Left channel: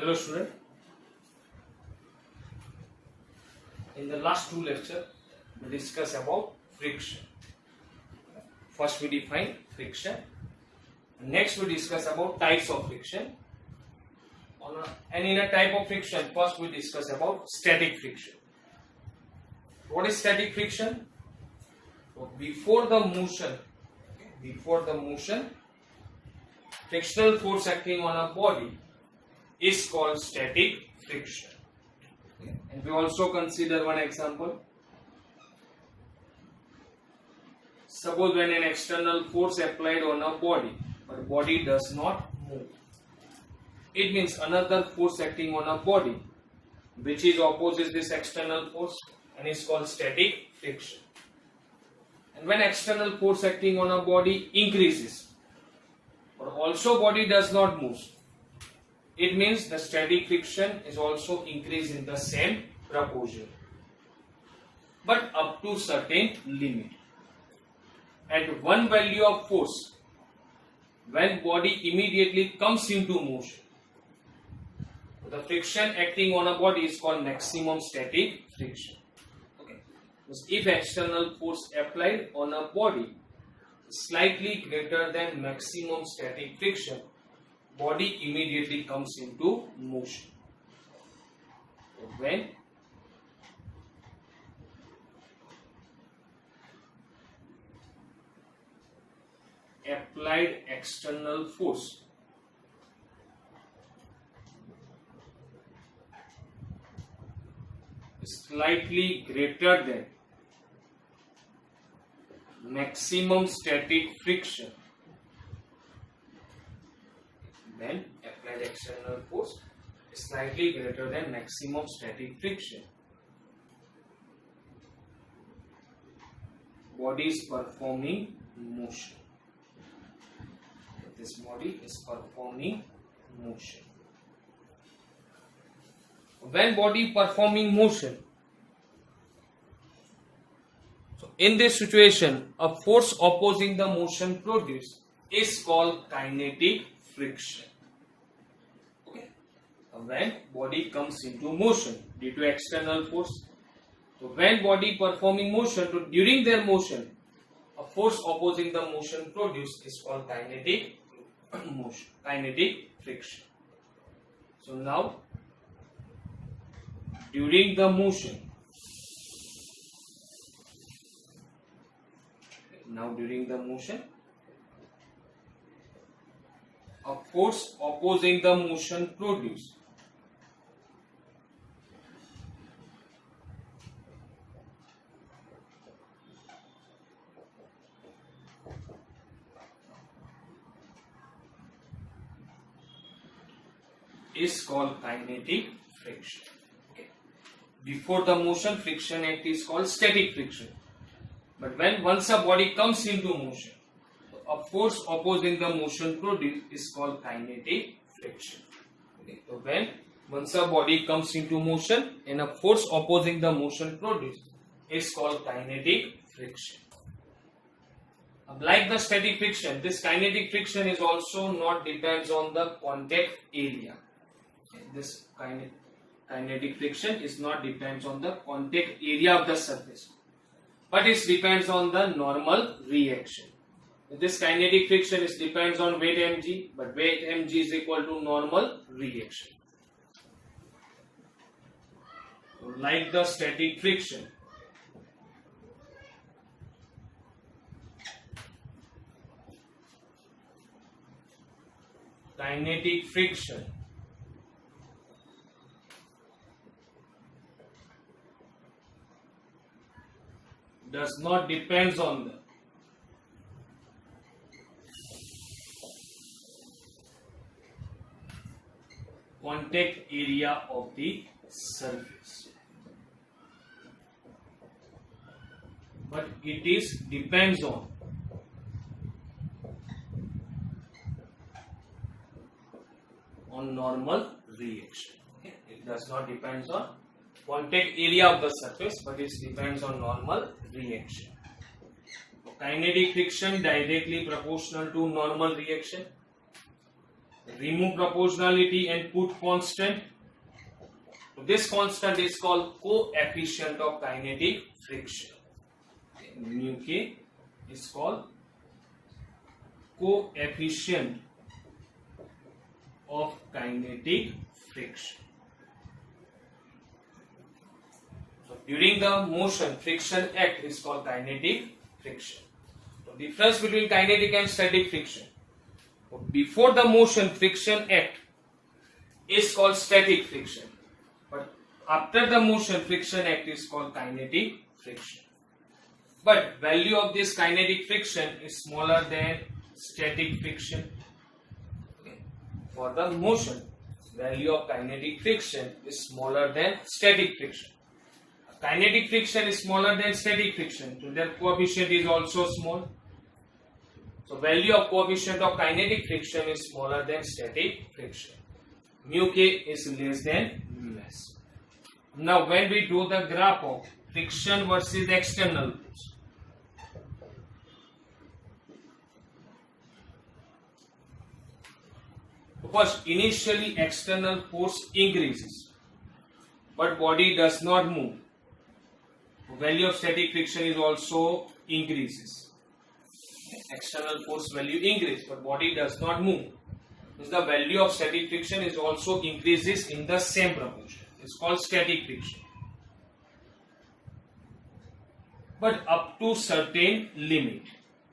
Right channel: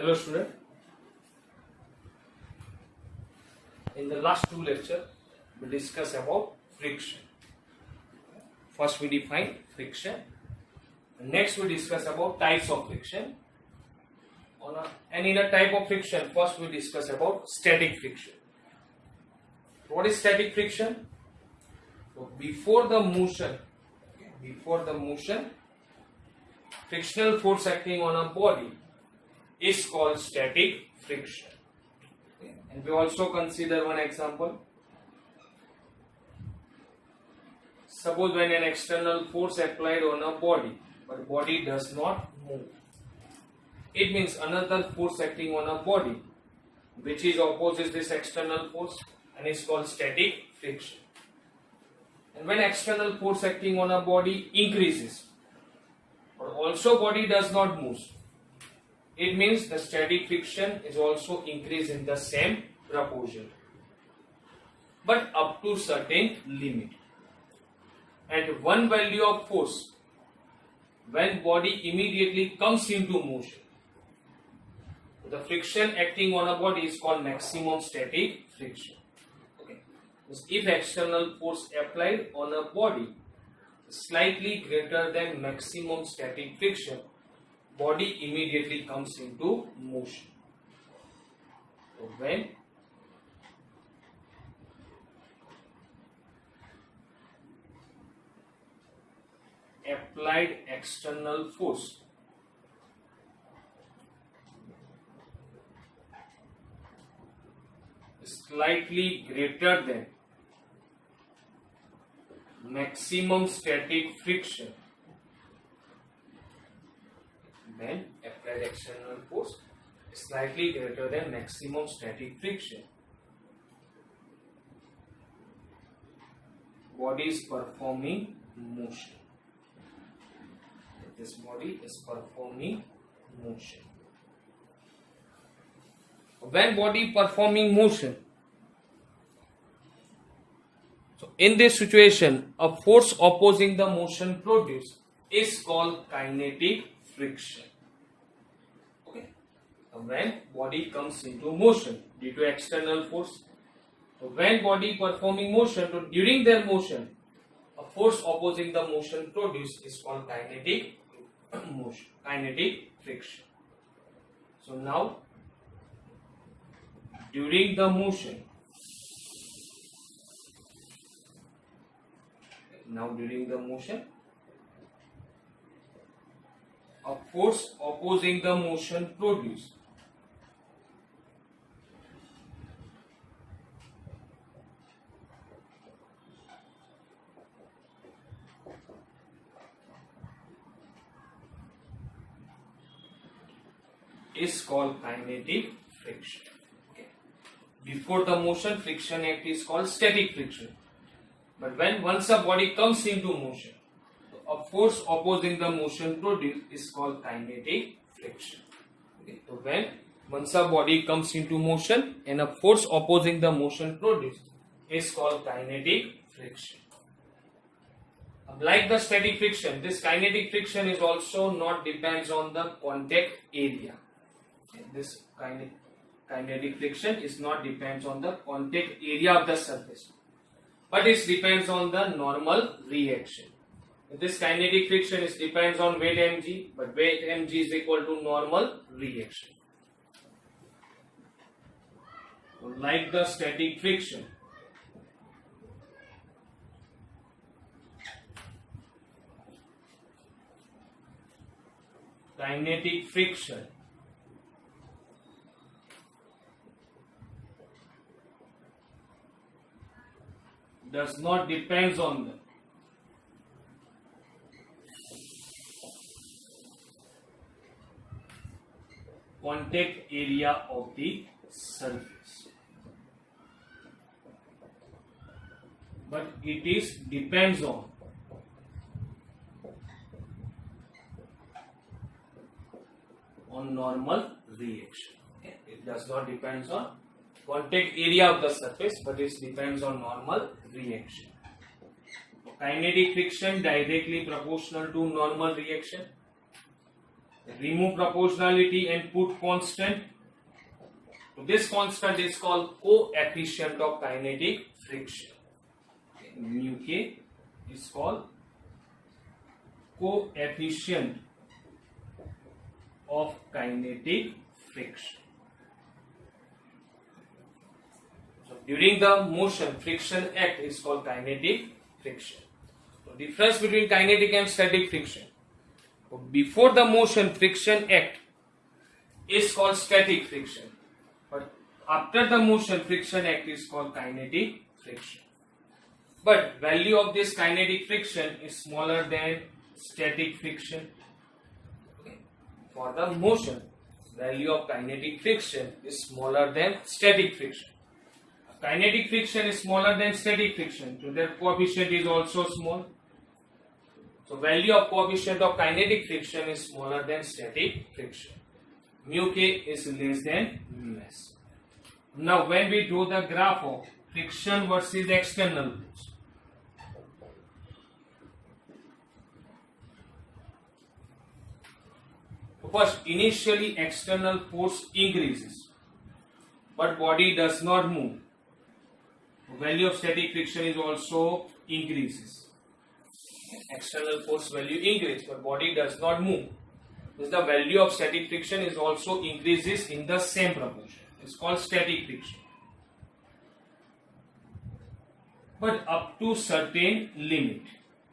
Hello student. In the last two lectures, we discuss about friction. First we define friction. Next we discuss about types of friction. And in a type of friction, first we discuss about static friction. What is static friction? So before the motion, frictional force acting on a body is called static friction. And we also consider one example. Suppose when an external force applied on a body, but body does not move. It means another force acting on a body which is opposes this external force and is called static friction. And when external force acting on a body increases, but also body does not move, it means the static friction is also increased in the same proportion, but up to certain limit. At one value of force, when body immediately comes into motion, the friction acting on a body is called maximum static friction. Okay. If external force applied on a body is slightly greater than maximum static friction, body immediately comes into motion. So when applied external force is slightly greater than maximum static friction, then applied external force is slightly greater than maximum static friction, body is performing motion. This body is performing motion. When body performing motion, so in this situation, a force opposing the motion produced is called kinetic friction. Okay. When body comes into motion due to external force, so when body performing motion, so during their motion, a force opposing the motion produced is called kinetic motion, kinetic friction. So now during the motion, a force opposing the motion produced is called kinetic friction. Okay. Before the motion, friction act is called static friction. But when once a body comes into motion, a force opposing the motion produced is called kinetic friction. Okay. So when once a body comes into motion and a force opposing the motion produced is called kinetic friction. Like the static friction, this kinetic friction is also not depends on the contact area. This kinetic friction is not depends on the contact area of the surface, but it depends on the normal reaction. This kinetic friction is depends on weight mg, but weight mg is equal to normal reaction. So like the static friction, kinetic friction does not depends on the contact area of the surface, but it is depends on normal reaction. Okay. It does not depends on contact area of the surface, but it depends on normal reaction. Kinetic friction directly proportional to normal reaction. remove proportionality and put constant. So this constant is called coefficient of kinetic friction. Mu k is called coefficient of kinetic friction. So during the motion, friction act is called kinetic friction. So difference between kinetic and static friction. So before the motion, friction act is called static friction, but after the motion, friction act is called kinetic friction. But value of this kinetic friction is smaller than static friction. Okay. For the motion, value of kinetic friction is smaller than static friction. Kinetic friction is smaller than static friction, so their coefficient is also small. So value of coefficient of kinetic friction is smaller than static friction. Mu k is less than mu s. Now when we do the graph of friction versus external force, first initially external force increases, but body does not move. Value of static friction is also increases. External force value increases, but body does not move. Means the value of static friction is also increases in the same proportion. It's called static friction. But up to certain limit,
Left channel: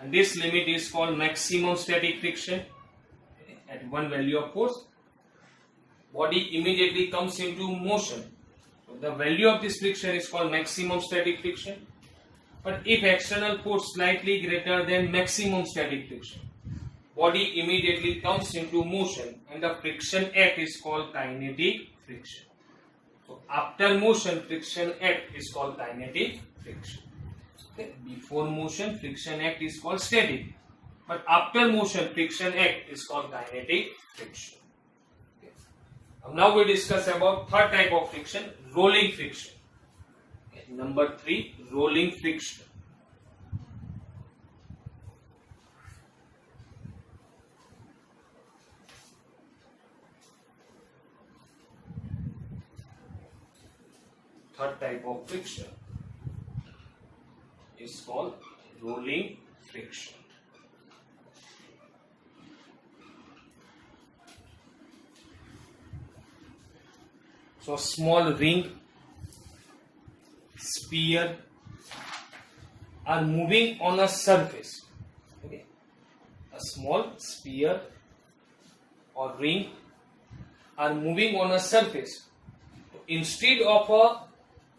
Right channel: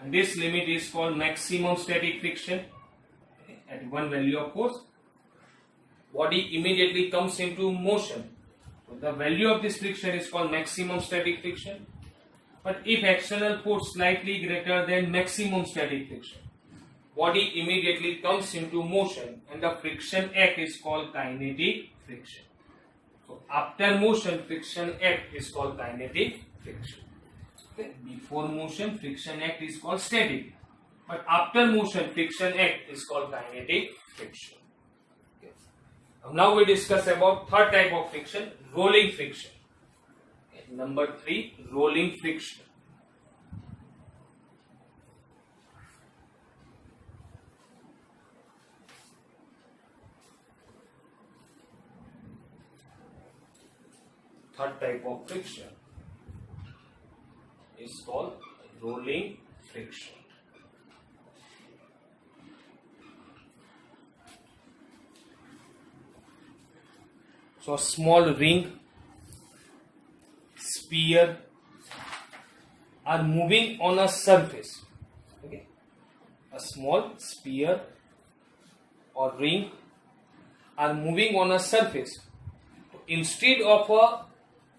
and this limit is called maximum static friction. At one value of force, body immediately comes into motion. So the value of this friction is called maximum static friction. But if external force slightly greater than maximum static friction, body immediately comes into motion and the friction act is called kinetic friction. So after motion, friction act is called kinetic friction. Okay. Before motion, friction act is called static. But after motion, friction act is called kinetic friction. Okay. Now we discuss about third type of friction, rolling friction. Okay. Number 3, rolling friction. Third type of friction is called rolling friction. So small ring, sphere are moving on a surface. Okay, a small sphere or ring are moving on a surface. Instead of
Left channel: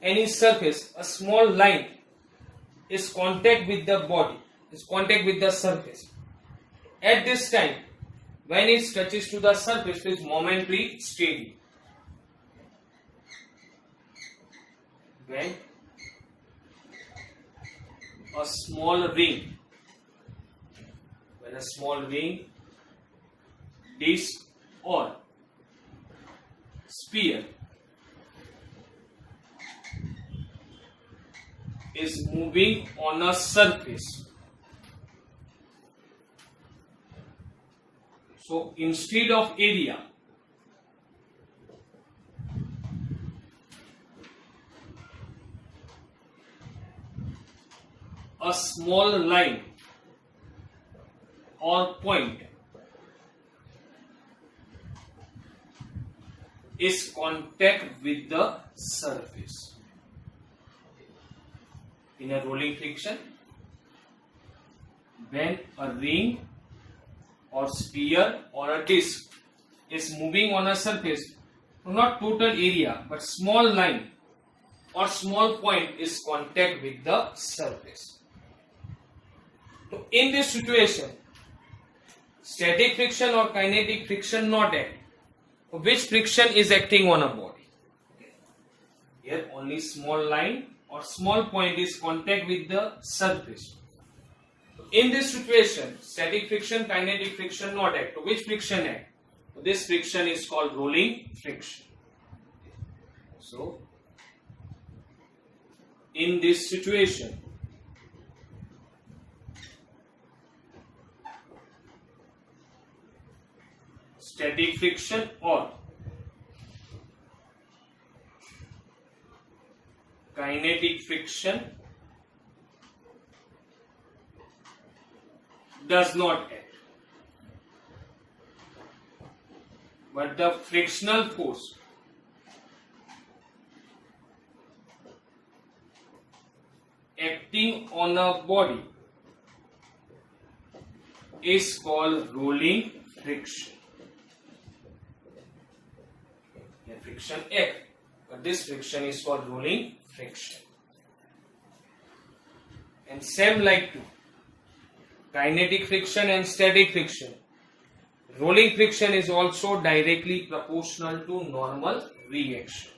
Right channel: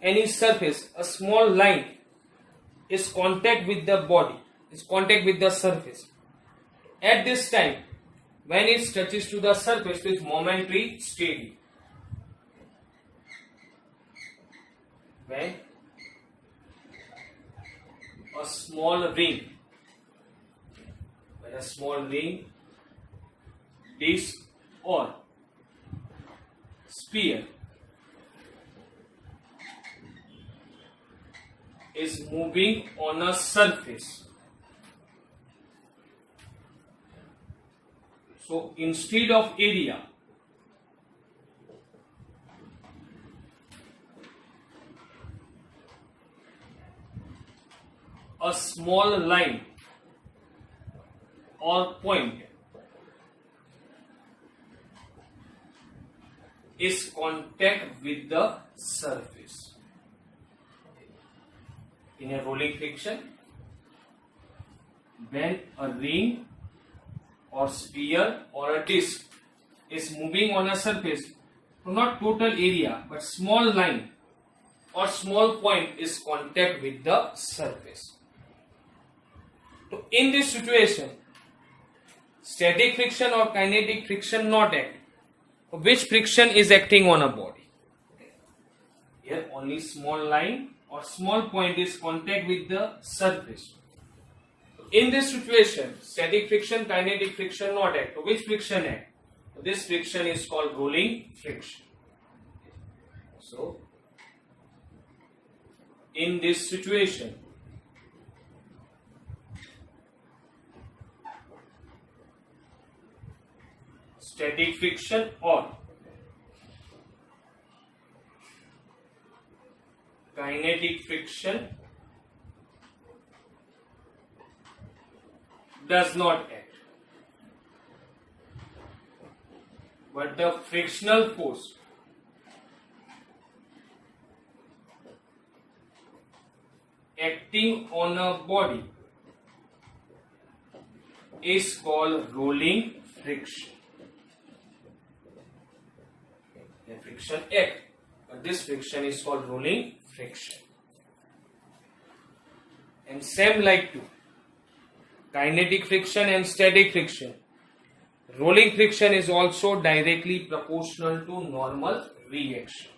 any surface, a small line is contact with the body, is contact with the surface. At this time, when it touches to the surface, its moment is steady. When a small ring, disc or sphere is moving on a surface, so instead of area, a small line or point is contact with the surface. In a rolling friction, when a ring or sphere or a disc is moving on a surface, so not total area but small line or small point is contact with the surface. So in this situation, static friction or kinetic friction not act. Which friction is acting on a body? Here only small line or small point is contact with the surface. In this situation, static friction, kinetic friction not act. Which friction act? This friction is called rolling friction. So in this situation, static friction or kinetic friction does not act, but the frictional force acting on a body is called rolling friction. The friction act, but this friction is called rolling friction. And same like to kinetic friction and static friction, rolling friction is also directly proportional to normal reaction.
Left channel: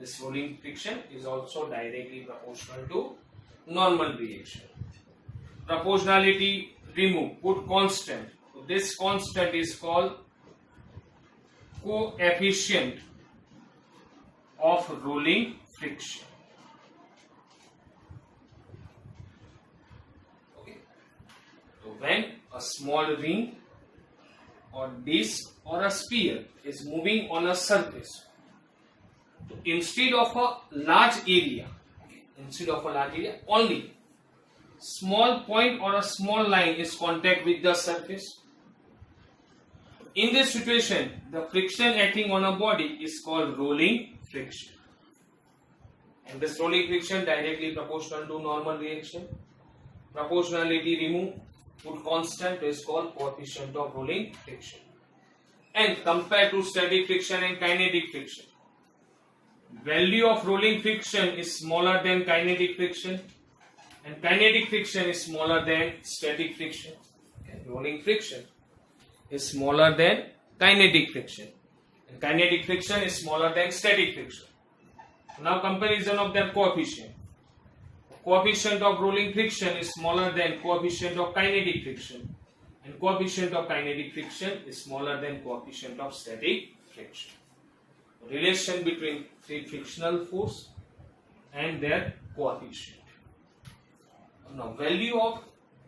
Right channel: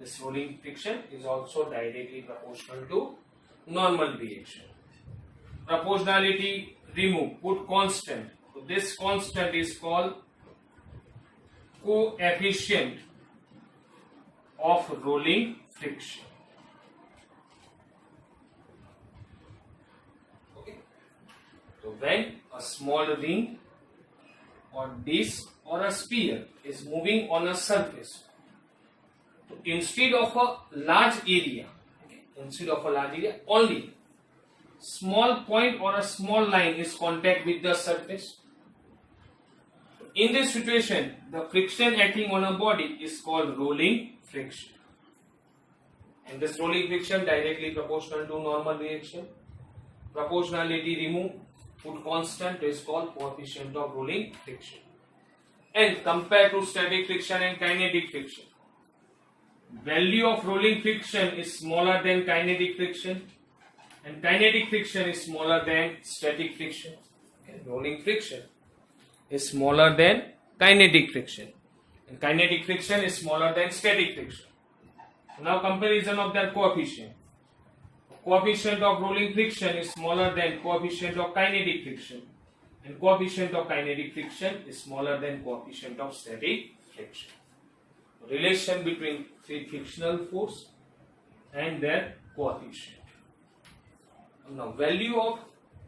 This rolling friction is also directly proportional to normal reaction. Proportionality remove, put constant. So this constant is called coefficient of rolling friction. Okay. So when a small ring or disc or a sphere is moving on a surface, so instead of a large area, only small point or a small line is contact with the surface. In this situation, the friction acting on a body is called rolling friction. And this rolling friction directly proportional to normal reaction. Proportionality remove, put constant, is called coefficient of rolling friction. And compared to static friction and kinetic friction, value of rolling friction is smaller than kinetic friction, and kinetic friction is smaller than static friction. And rolling friction is smaller than kinetic friction, and kinetic friction is smaller than static friction. Now comparison of their coefficient. Coefficient of rolling friction is smaller than coefficient of kinetic friction, and coefficient of kinetic friction is smaller than coefficient of static friction. Relation between frictional force and their coefficient. Now value of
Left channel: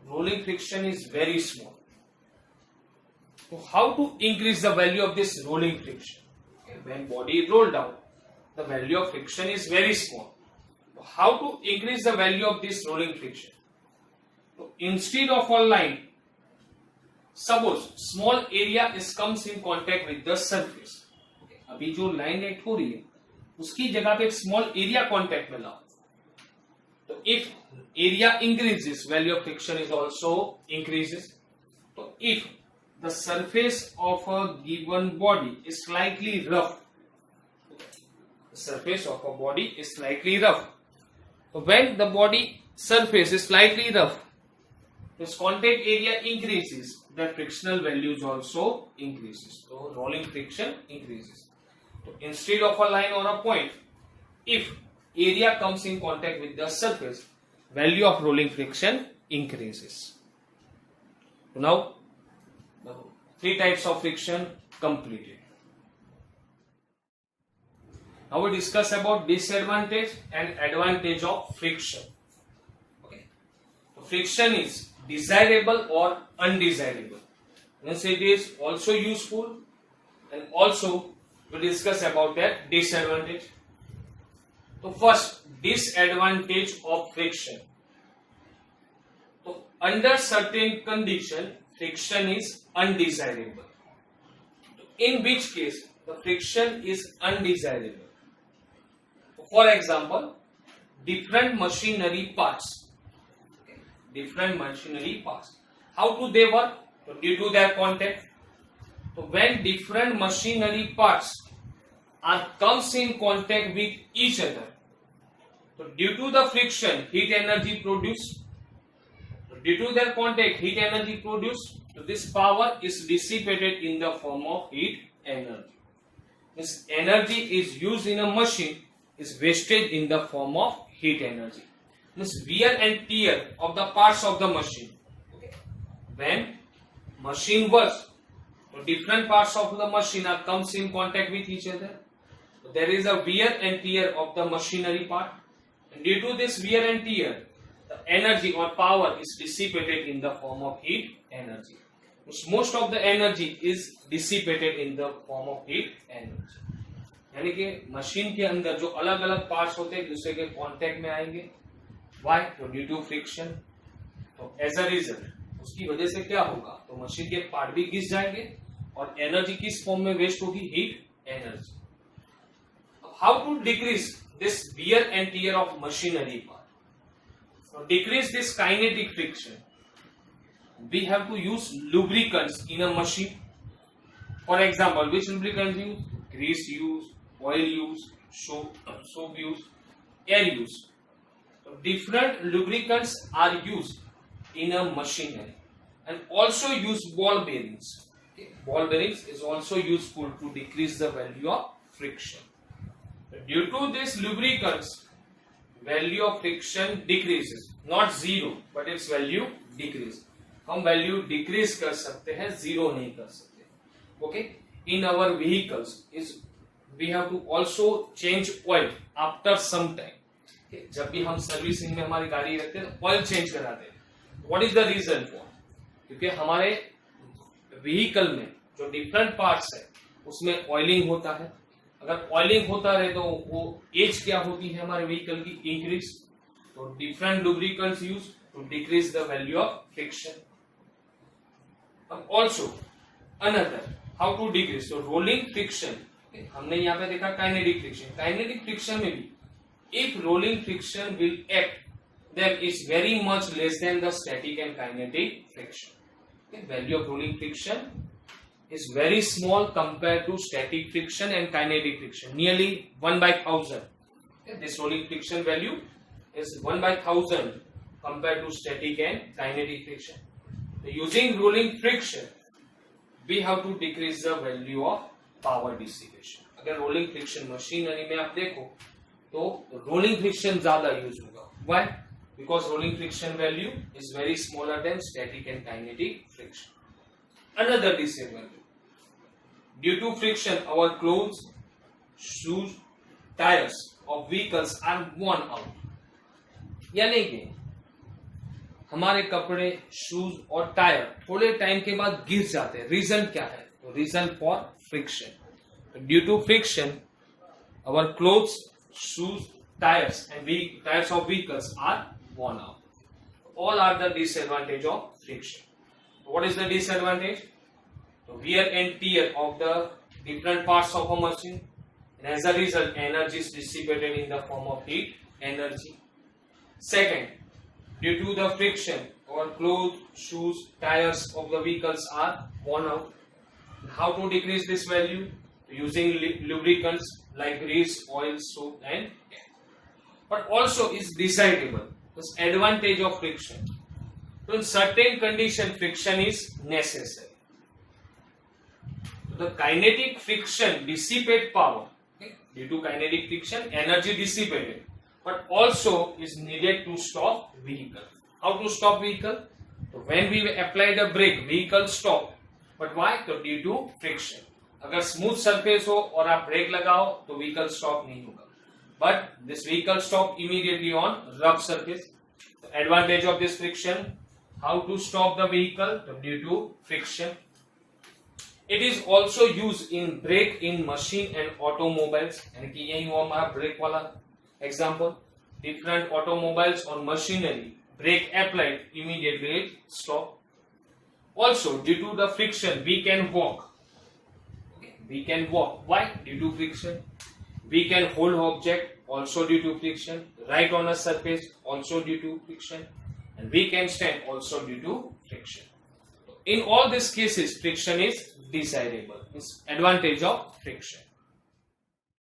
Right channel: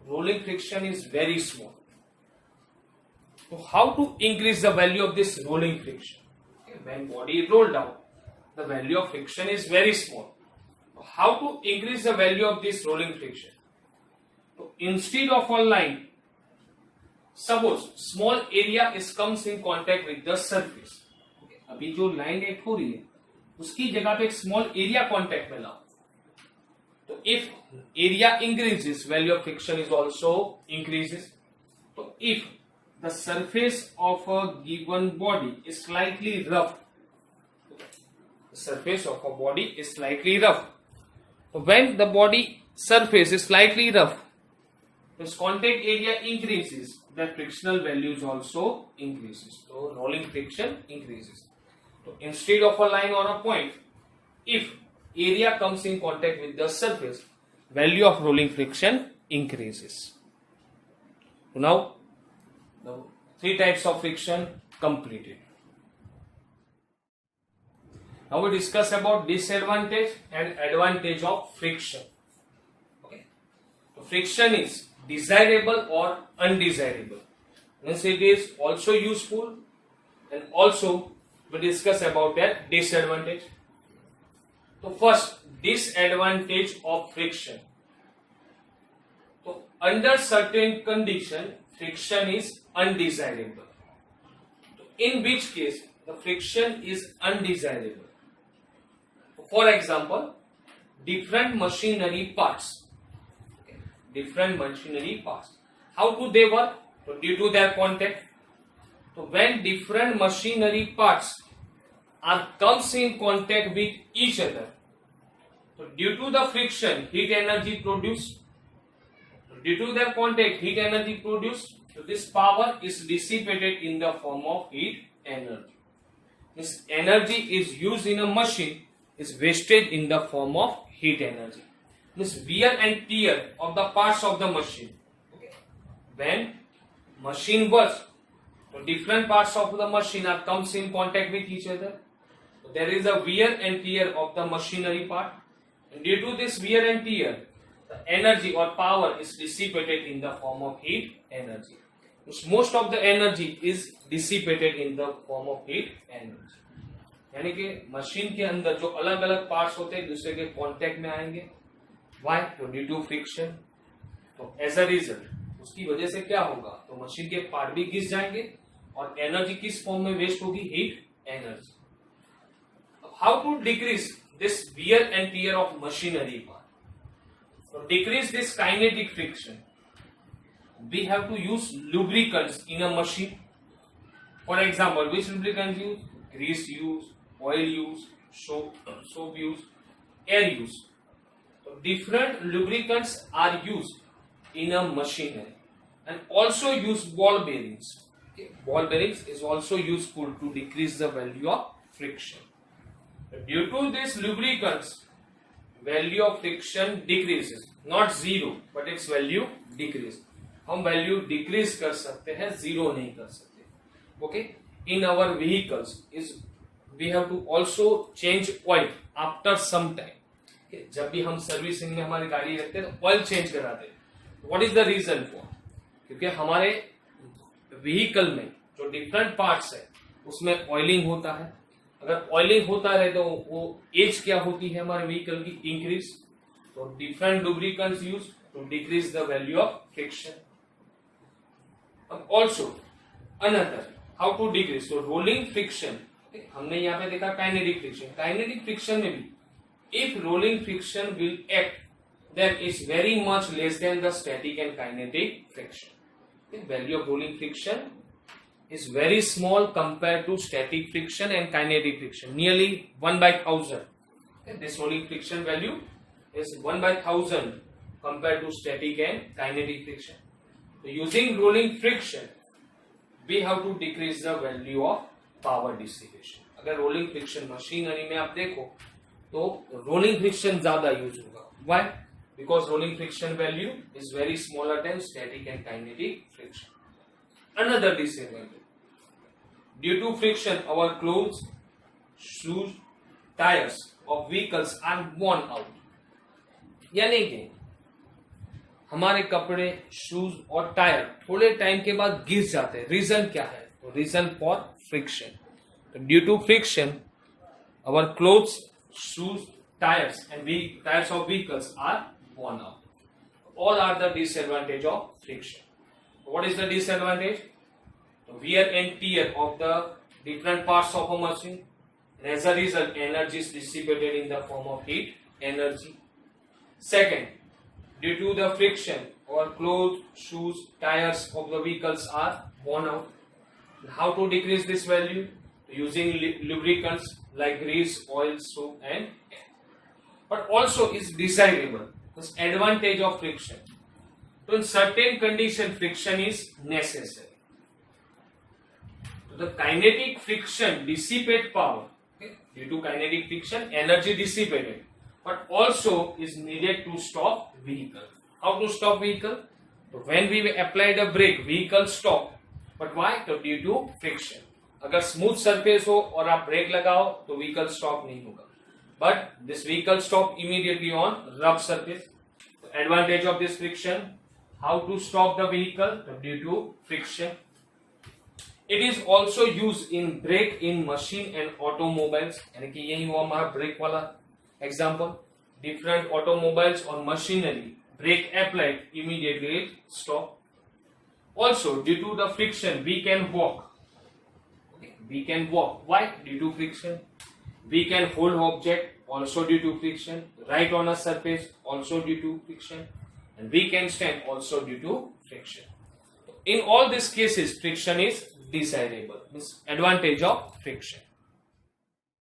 rolling friction is very small. So how to increase the value of this rolling friction? Okay, when body roll down, the value of friction is very small. So how to increase the value of this rolling friction? So instead of a line, suppose small area is comes in contact with the surface. अभी जो line act हो रही है उसकी जगह पे एक small area contact में लाओ, तो if area increases, value of friction is also increases. तो if the surface of a given body is slightly rough, surface of a body is slightly rough. So when the body surface is slightly rough, its contact area increases, the frictional values also increases. So rolling friction increases. So instead of a line or a point, if area comes in contact with the surface, value of rolling friction increases. So now the three types of friction completed. Now we discuss about disadvantage and advantage of friction. Okay. So friction is desirable or undesirable. Means it is also useful, and also we discuss about that disadvantage. So first, disadvantage of friction. So under certain condition, friction is undesirable. In which case the friction is undesirable? For example, different machinery parts. Different machinery parts. How do they work? So due to their contact. So when different machinery parts comes in contact with each other, so due to the friction, heat energy produced. So due to their contact, heat energy produced. So this power is dissipated in the form of heat energy. This energy is used in a machine, is wasted in the form of heat energy. This wear and tear of the parts of the machine. Okay. When machine works, so different parts of the machine comes in contact with each other. So there is a wear and tear of the machinery part, and due to this wear and tear, the energy or power is dissipated in the form of heat energy. most of the energy is dissipated in the form of heat energy. यानी कि machine के अंदर जो अलग अलग parts होते हैं एक दूसरे के कांटेक्ट में आएंगे. Why? तो ड्यू टू फ्रिक्शन. तो एज अ रिजल्ट उसकी वजह से क्या होगा, तो मशीन के पार्ट भी घिस जाएंगे और एनर्जी किस फॉर्म में वेस्ट होगी, heat energy. How to decrease this wear and tear of machinery part? तो decrease this kinetic friction we have to use lubricants in a machine. For example, which lubricants use? Grease use, oil use, soap use, air use. So different lubricants are used in a machinery, and also use ball bearings. Okay. Ball bearings is also useful to decrease the value of friction. Due to this lubricants, value of friction decreases, not zero, but its value decreases. हम value decrease कर सकते हैं, zero नहीं कर सकते. Okay. In our vehicles is we have to also change oil after some time. जब भी हम सर्विसिंग में हमारी गाड़ी रखते हैं तो ऑयल चेंज कराते हैं. What is the reason for? क्योंकि हमारे व्हीकल में जो डिफरेंट पार्ट्स है उसमें ऑयलिंग होता है. अगर ऑयलिंग होता रहे तो वो एज क्या होती है हमारे व्हीकल की, इंक्रीज. तो different lubricants use to decrease the value of friction. Also another how to decrease, so rolling friction. हमने यहाँ पे देखा काइनेटिक फ्रिक्शन. काइनेटिक फ्रिक्शन में भी if rolling friction will act then is very much less than the static and kinetic friction. The value of rolling friction is very small compared to static friction and kinetic friction, nearly 1/1000. This rolling friction value is 1/1000 compared to static and kinetic friction. So using rolling friction, we have to decrease the value of power dissipation. अगर rolling friction machinery में आप देखो तो rolling friction ज्यादा use होगा. Why? Because rolling friction value is very smaller than static and kinetic friction. Another disadvantage: due to friction, our clothes, shoes, tires of vehicles are worn out. यानी कि हमारे कपड़े, शूज और tyre थोड़े time के बाद घिस जाते हैं. रीजन क्या है? तो reason for friction. Due to friction our clothes, shoes, tyres and tyres of vehicles are worn out. All are the disadvantage of friction. What is the disadvantage? The wear and tear of the different parts of a machine, and as a result energy is dissipated in the form of heat energy. Second, due to the friction, our clothes, shoes, tires of the vehicles are worn out. How to decrease this value? Using lubricants like grease, oil, soap, and air. But also is desirable. This advantage of friction. So in certain condition, friction is necessary. So the kinetic friction dissipate power. Okay? Due to kinetic friction, energy dissipated. But also is needed to stop vehicle. How to stop vehicle? So when we applied a brake, vehicle stop. But why? So due to friction. अगर smooth surface हो और आप break लगाओ तो vehicle stop नहीं होगा. But this vehicle stop immediately on rough surface. The advantage of this friction. How to stop the vehicle? So due to friction. It is also used in brake in machine and automobiles. यानी कि यही हुआ हमारा break वाला example. Different automobiles or machinery, brake applied, immediately stop. Also due to the friction we can walk. We can walk. Why? Due to friction. We can hold object, also due to friction. Write on a surface, also due to friction. And we can stand, also due to friction. In all these cases friction is desirable. It's advantage of friction.